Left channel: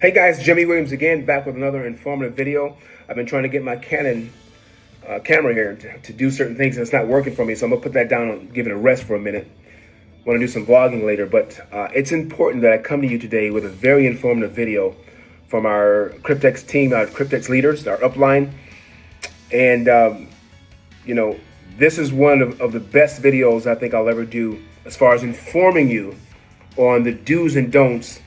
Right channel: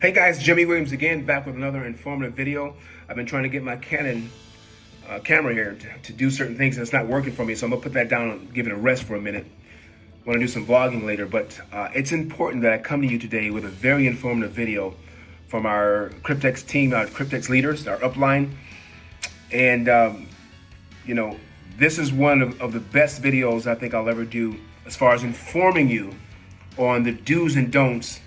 Hey guys, Jimmy Williams again, back with another informative video. I've been trying to get my Canon camera here to do certain things and it's not working for me, so I'm gonna put that down and give it a rest for a minute. I want to do some vlogging later, but it's important that I come to you today with a very informative video from our Cryptex team, our Cryptex leaders, our upline. And this is one of the best videos I think I'll ever do as far as informing you on the do's and don'ts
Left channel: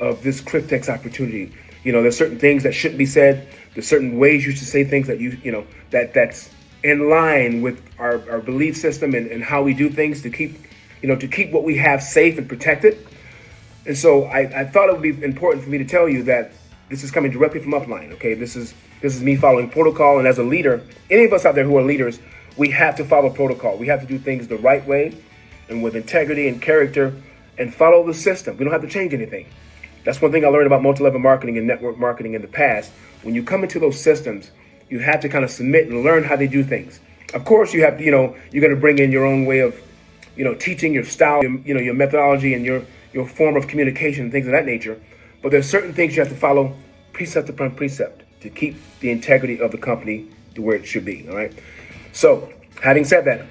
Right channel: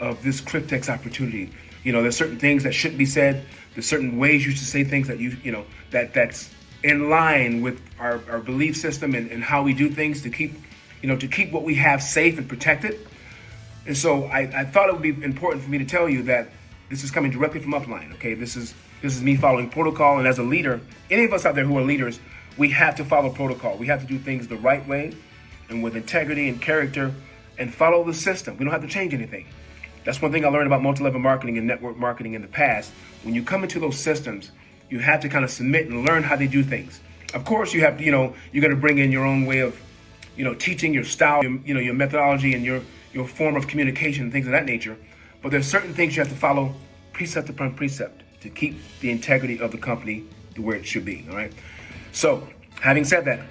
of this Cryptex opportunity. There's certain things that shouldn't be said. There's certain ways you should say things that that's in line with our belief system and how we do things to keep what we have safe and protected. And so I thought it would be important for me to tell you that this is coming directly from upline. Okay, this is me following protocol, and as a leader, any of us out there who are leaders, we have to follow protocol. We have to do things the right way and with integrity and character and follow the system. We don't have to change anything. That's one thing I learned about multi-level marketing and network marketing in the past. When you come into those systems, you have to kind of submit and learn how they do things. Of course, you have to, you're going to bring in your own way of, teaching your style, your methodology and your form of communication and things of that nature. But there's certain things you have to follow precept upon precept to keep the integrity of the company to where it should be. All right. So having said that,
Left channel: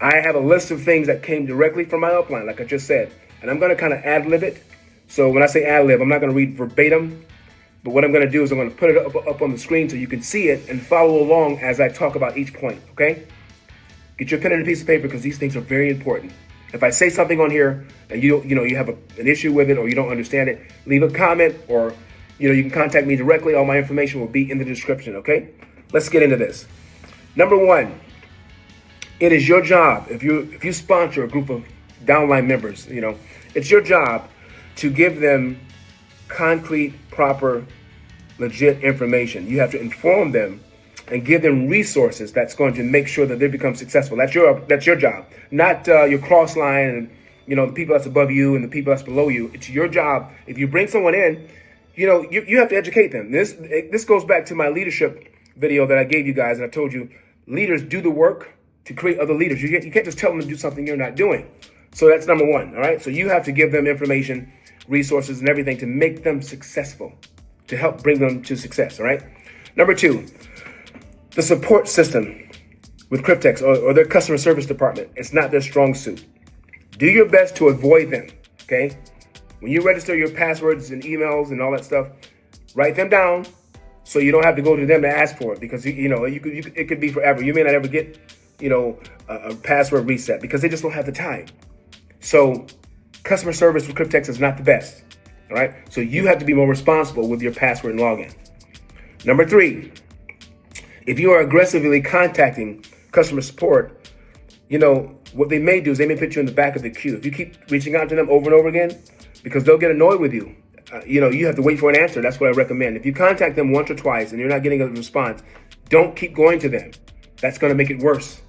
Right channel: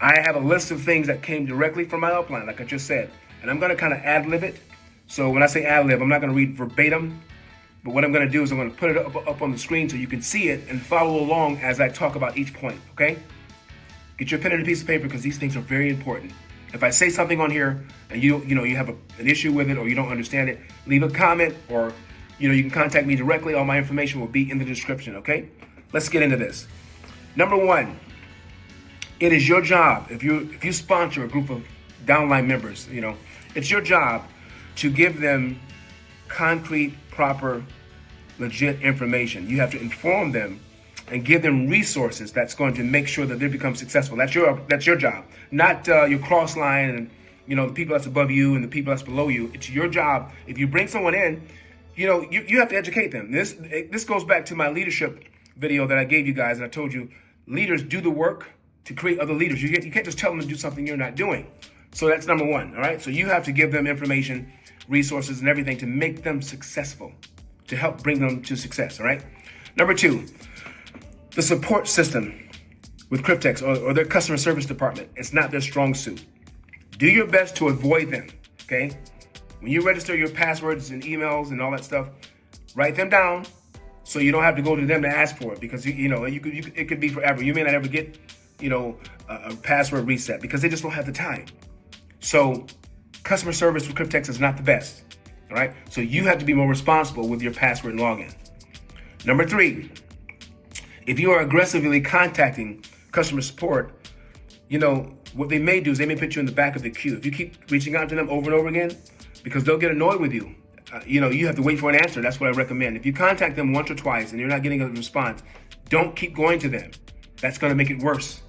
I have a list of things that came directly from my upline, like I just said, and I'm going to kind of ad-lib it. So when I say ad-lib, I'm not going to read verbatim, but what I'm going to do is I'm going to put it up on the screen so you can see it and follow along as I talk about each point, okay? Get your pen and a piece of paper because these things are very important. If I say something on here and you have an issue with it or you don't understand it, leave a comment or you can contact me directly. All my information will be in the description, okay? Let's get into this. Number one, it is your job, if you sponsor a group of downline members, it's your job to give them concrete, proper, legit information. You have to inform them and give them resources that's going to make sure that they become successful. That's your job, not your cross line and the people that's above you and the people that's below you. It's your job. If you bring someone in, you have to educate them. This goes back to my leadership video that I gave you guys, and I told you leaders do the work to create other leaders. You can't just tell them to do something you're not doing. So that's number one. All right. So you have to give them information, resources, and everything to make them successful, to help bring them to success. All right. Number two, the support system with Cryptex or their customer service department. It's not their strong suit. Do your best to avoid them. Okay. When you register your passwords and emails and all that stuff, write them down so you don't have to go to them to ask for it, because it could be forever. You may not ever get a password reset because they just don't have the time. So customer service with Cryptex is not the best. All right. So you have to be more responsible with your password and login. Number three, if you are aggressively contacting customer support, what they may do is they may put you in the back of the queue. If you keep reaching out to them over and over again, because they'll get annoyed with you, you have to wait for an answer. That's what I recommend. If you contact them once or twice and you're not getting a response, don't keep going to them. That's going to make it worse.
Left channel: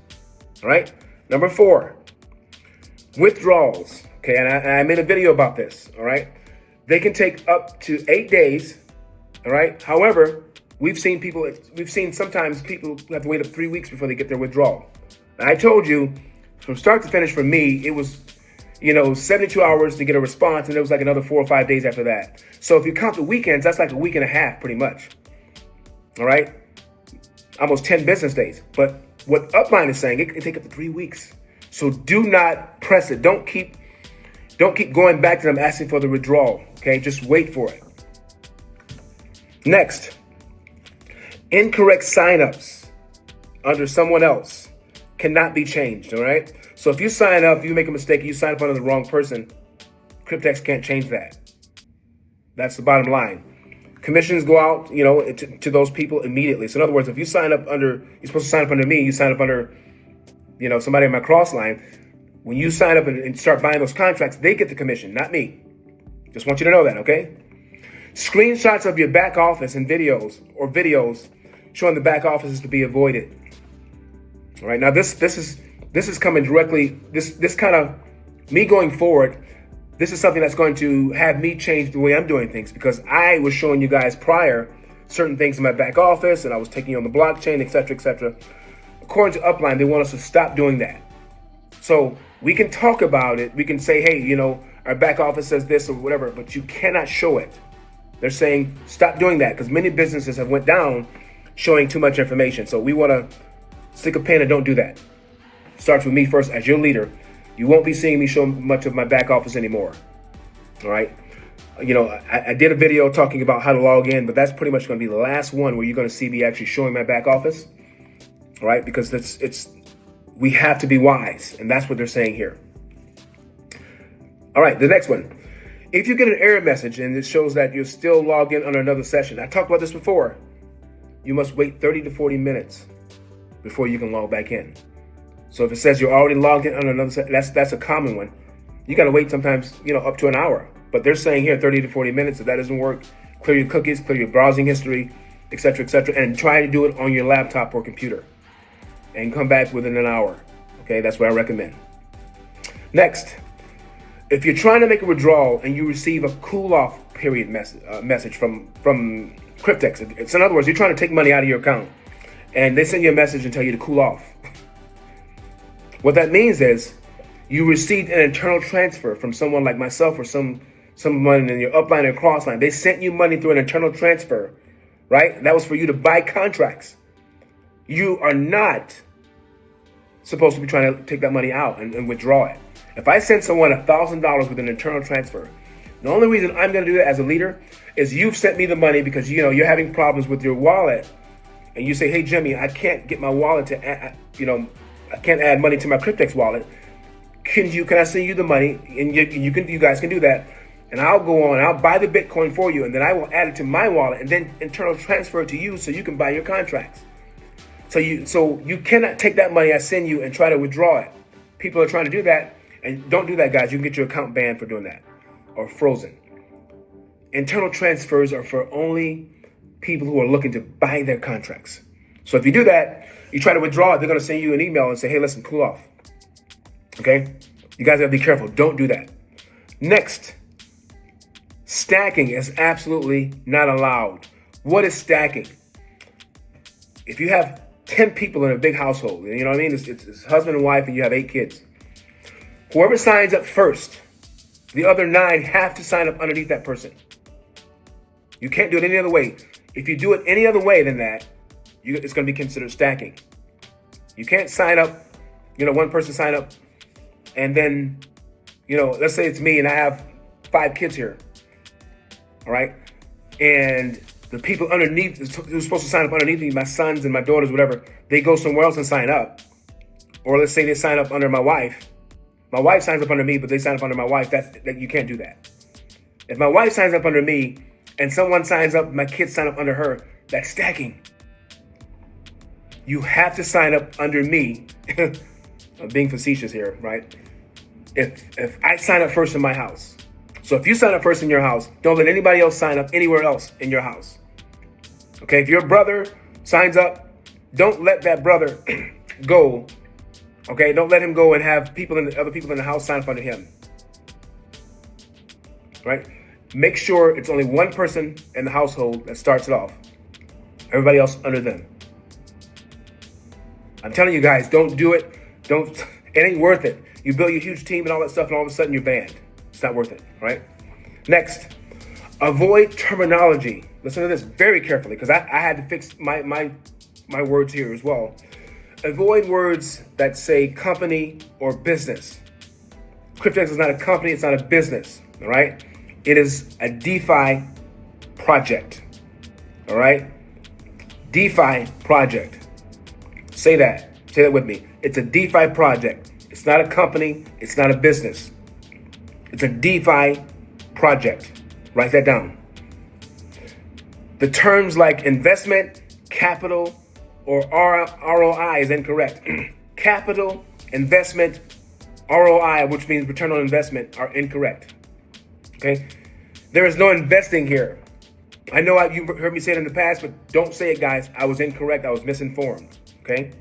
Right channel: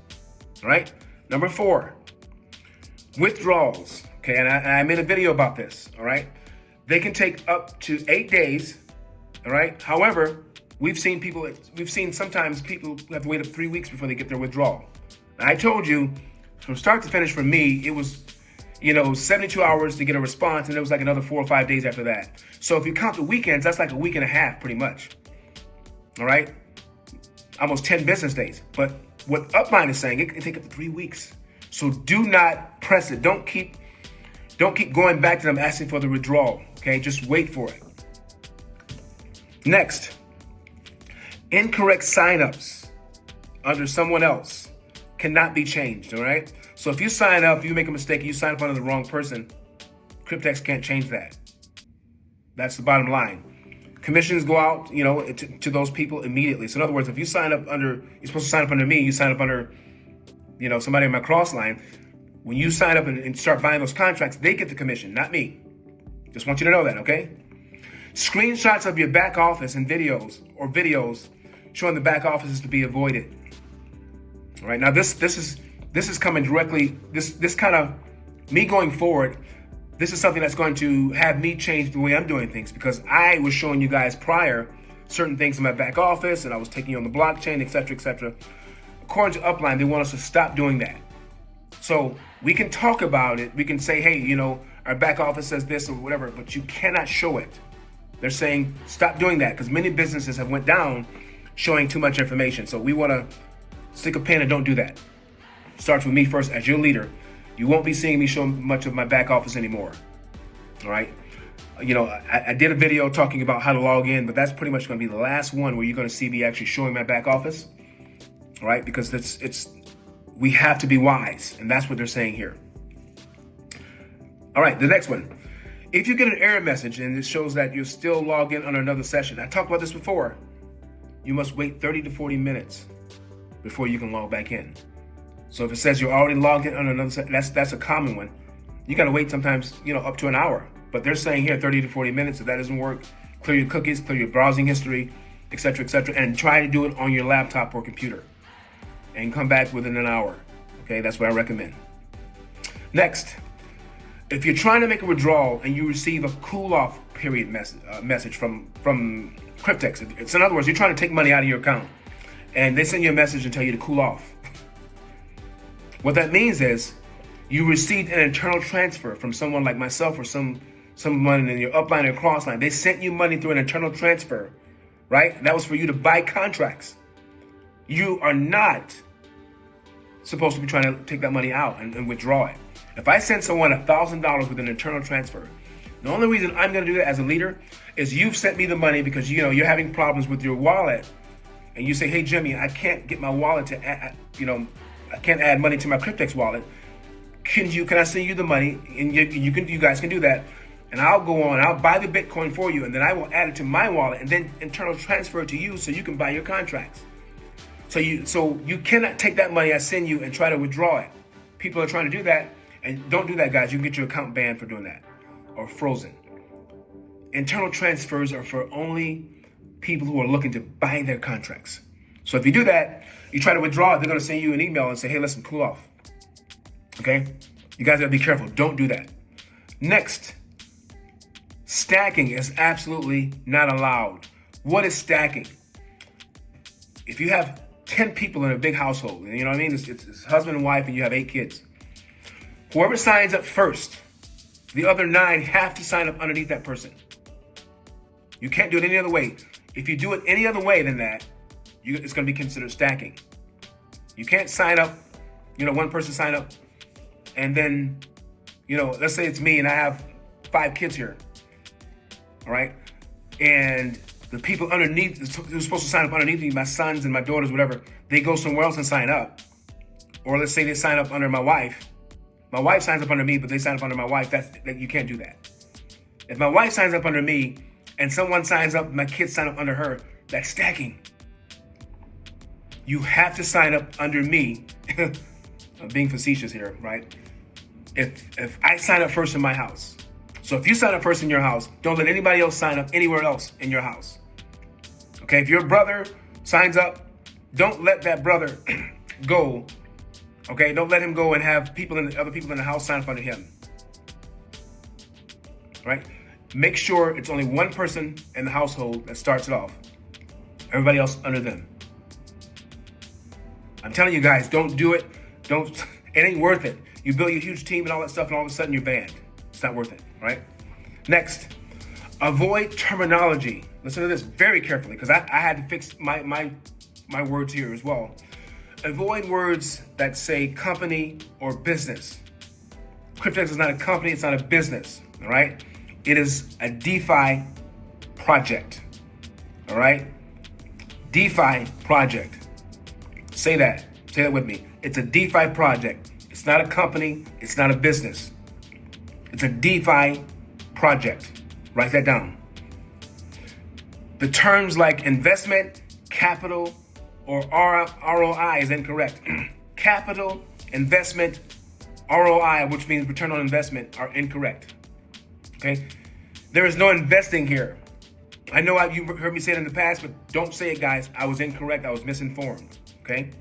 All right. Number four, withdrawals. Okay. And I made a video about this. All right. They can take up to 8 days. All right. However, we've seen sometimes people have to wait up 3 weeks before they get their withdrawal. I told you from start to finish for me, it was, 72 hours to get a response, and it was like another 4 or 5 days after that. So if you count the weekends, that's like a week and a half pretty much. All right. Almost 10 business days. But what Upline is saying, it can take up to 3 weeks. So do not press it. Don't keep going back to them asking for the withdrawal. Okay. Just wait for it. Next. Incorrect signups under someone else cannot be changed, all right? So if you sign up, you make a mistake, you sign up under the wrong person, Cryptex can't change that. That's the bottom line. Commissions go out, to those people immediately. So in other words, if you sign up you're supposed to sign up under me, you sign up under, somebody in my cross line. When you sign up and start buying those contracts, they get the commission, not me. Just want you to know that, okay? Screenshots of your back office and videos showing the back office is to be avoided. All right. Now this is coming directly. This kind of me going forward. This is something that's going to have me change the way I'm doing things, because I was showing you guys prior certain things in my back office and I was taking on the blockchain, et cetera, et cetera. According to Upline, they want us to stop doing that. So we can talk about it. We can say, hey, our back office says this or whatever, but you cannot show it. They're saying stop doing that because many businesses have went down showing too much information. So we want to stick a pin and don't do that. Starts with me first as your leader. You won't be seeing me show much of my back office anymore. All right. You know, I did a video talking about how to log in, but that's pretty much going to be the last one where you're going to see me actually showing my back office. All right. Because we have to be wise. And that's what they're saying here. All right. The next one. If you get an error message and it shows that you're still logged in on another session, I talked about this before, you must wait 30 to 40 minutes before you can log back in. So if it says you're already logged in on another session, that's a common one. You got to wait sometimes, up to an hour. But they're saying here 30 to 40 minutes. If that doesn't work, clear your cookies, clear your browsing history, etc., and try to do it on your laptop or computer and come back within an hour. Okay, that's what I recommend. Next. If you're trying to make a withdrawal and you receive a cool-off period message from Cryptex, it's in other words, you're trying to take money out of your account, and they send you a message and tell you to cool off. What that means is you received an internal transfer from someone like myself or someone in your upline or crossline. They sent you money through an internal transfer, right? That was for you to buy contracts. You are not supposed to be trying to take that money out and withdraw it. If I send someone $1,000 with an internal transfer, the only reason I'm going to do that as a leader is you've sent me the money because you're having problems with your wallet, and you say, "Hey Jimmy, I can't get my wallet to add, I can't add money to my Cryptex wallet. Can I send you the money?" And you guys can do that, and I'll go on, I'll buy the Bitcoin for you, and then I will add it to my wallet, and then internal transfer it to you so you can buy your contracts. So you cannot take that money I send you and try to withdraw it. People are trying to do that. And don't do that, guys. You can get your account banned for doing that or frozen. Internal transfers are for only people who are looking to buy their contracts. So if you do that, you try to withdraw it, they're going to send you an email and say, "Hey, listen, cool off." Okay? You guys got to be careful. Don't do that. Next, stacking is absolutely not allowed. What is stacking? If you have 10 people in a big household, you know what I mean? It's husband and wife and you have 8 kids. Whoever signs up first, the other 9 have to sign up underneath that person. You can't do it any other way. If you do it any other way than that, it's going to be considered stacking. You can't sign up, one person sign up, and then, let's say it's me and I have 5 kids here, all right? And the people underneath, who's supposed to sign up underneath me, my sons and my daughters, whatever, they go somewhere else and sign up. Or let's say they sign up under my wife. My wife signs up under me, but they sign up under my wife. That you can't do that. If my wife signs up under me and someone signs up, my kids sign up under her, that's stacking. You have to sign up under me. I'm being facetious here, right? If I sign up first in my house. So if you sign up first in your house, don't let anybody else sign up anywhere else in your house. Okay, if your brother signs up, don't let that brother go. Okay, don't let him go and have other people in the house sign up under him. Right? Make sure it's only one person in the household that starts it off. Everybody else under them. I'm telling you guys, don't do it. It ain't worth it. You build your huge team and all that stuff, and all of a sudden you're banned. It's not worth it, right? Next, avoid terminology. Listen to this very carefully, because I had to fix my words here as well. Avoid words that say company or business. Cryptex is not a company, it's not a business, all right? It is a DeFi project, all right? DeFi project. Say that with me. It's a DeFi project. It's not a company, it's not a business. It's a DeFi project. Write that down. The terms like investment, capital, or ROI is incorrect. Capital, investment, ROI, which means return on investment, are incorrect. Okay? There is no investing here. I know you heard me say it in the past, but don't say it, guys. I was incorrect. I was misinformed. Okay?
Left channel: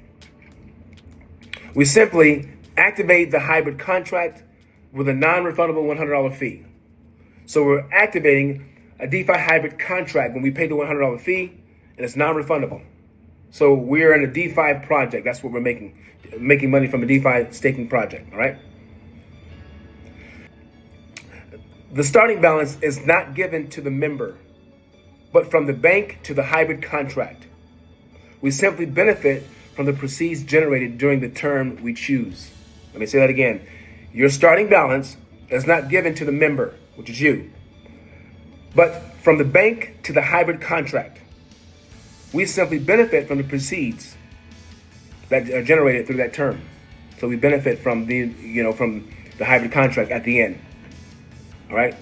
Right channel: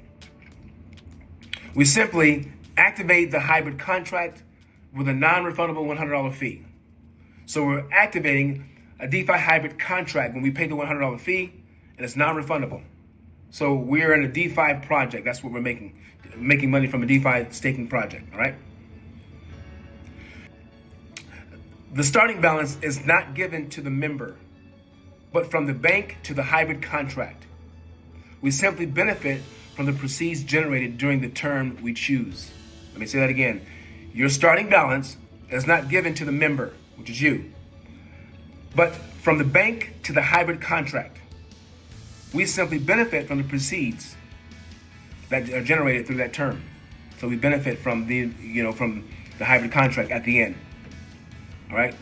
We simply activate the hybrid contract with a non-refundable $100 fee. So we're activating a DeFi hybrid contract when we pay the $100 fee, and it's non-refundable. So we're in a DeFi project. That's what we're making money from a DeFi staking project, all right? The starting balance is not given to the member. but from the bank to the hybrid contract. We simply benefit from the proceeds generated during the term we choose. Let me say that again. Your starting balance is not given to the member, which is you, but from the bank to the hybrid contract. We simply benefit from the proceeds that are generated through that term. So we benefit from from the hybrid contract at the end. All right.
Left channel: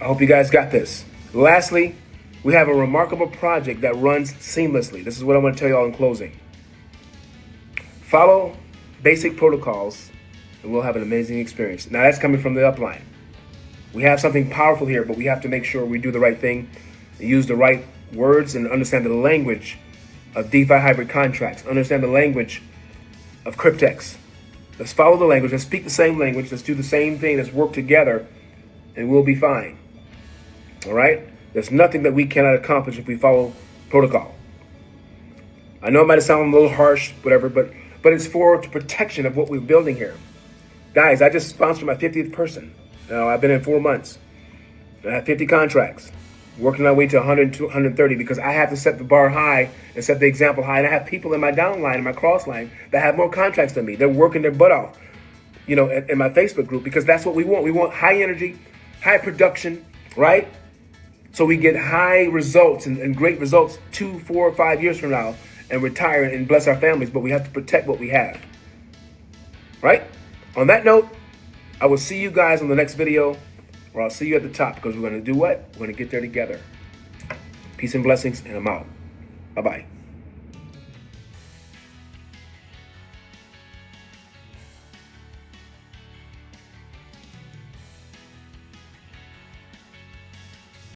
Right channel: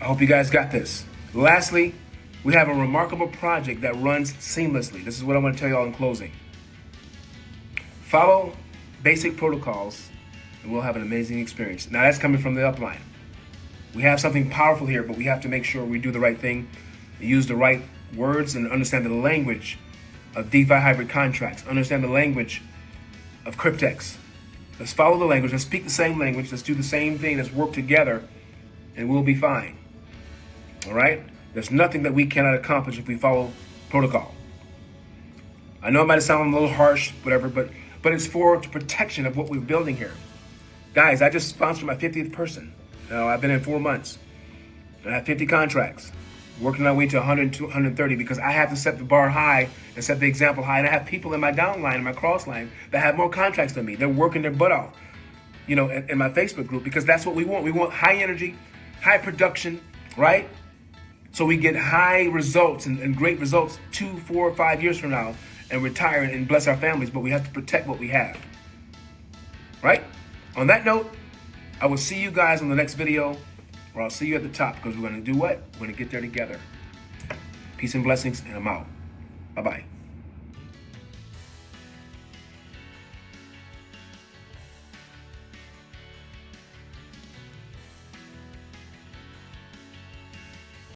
I hope you guys got this. Lastly, we have a remarkable project that runs seamlessly. This is what I want to tell you all in closing. Follow basic protocols and we'll have an amazing experience. Now that's coming from the upline. We have something powerful here, but we have to make sure we do the right thing, use the right words, and understand the language of DeFi hybrid contracts. Understand the language of Cryptex. Let's follow the language. Let's speak the same language. Let's do the same thing. Let's work together, and we'll be fine. All right? There's nothing that we cannot accomplish if we follow protocol. I know it might sound a little harsh, whatever, but it's for the protection of what we're building here. Guys, I just sponsored my 50th person. Now, I've been in 4 months. I have 50 contracts, working my way to 100, 130, because I have to set the bar high and set the example high. And I have people in my downline, in my cross line, that have more contracts than me. They're working their butt off, in my Facebook group, because that's what we want. We want high energy, high production, right? So we get high results and great results 2, 4, 5 years from now and retire and bless our families, but we have to protect what we have, right? On that note, I will see you guys on the next video, or I'll see you at the top, because we're going to do what? We're going to get there together. Peace and blessings, and I'm out. Bye-bye.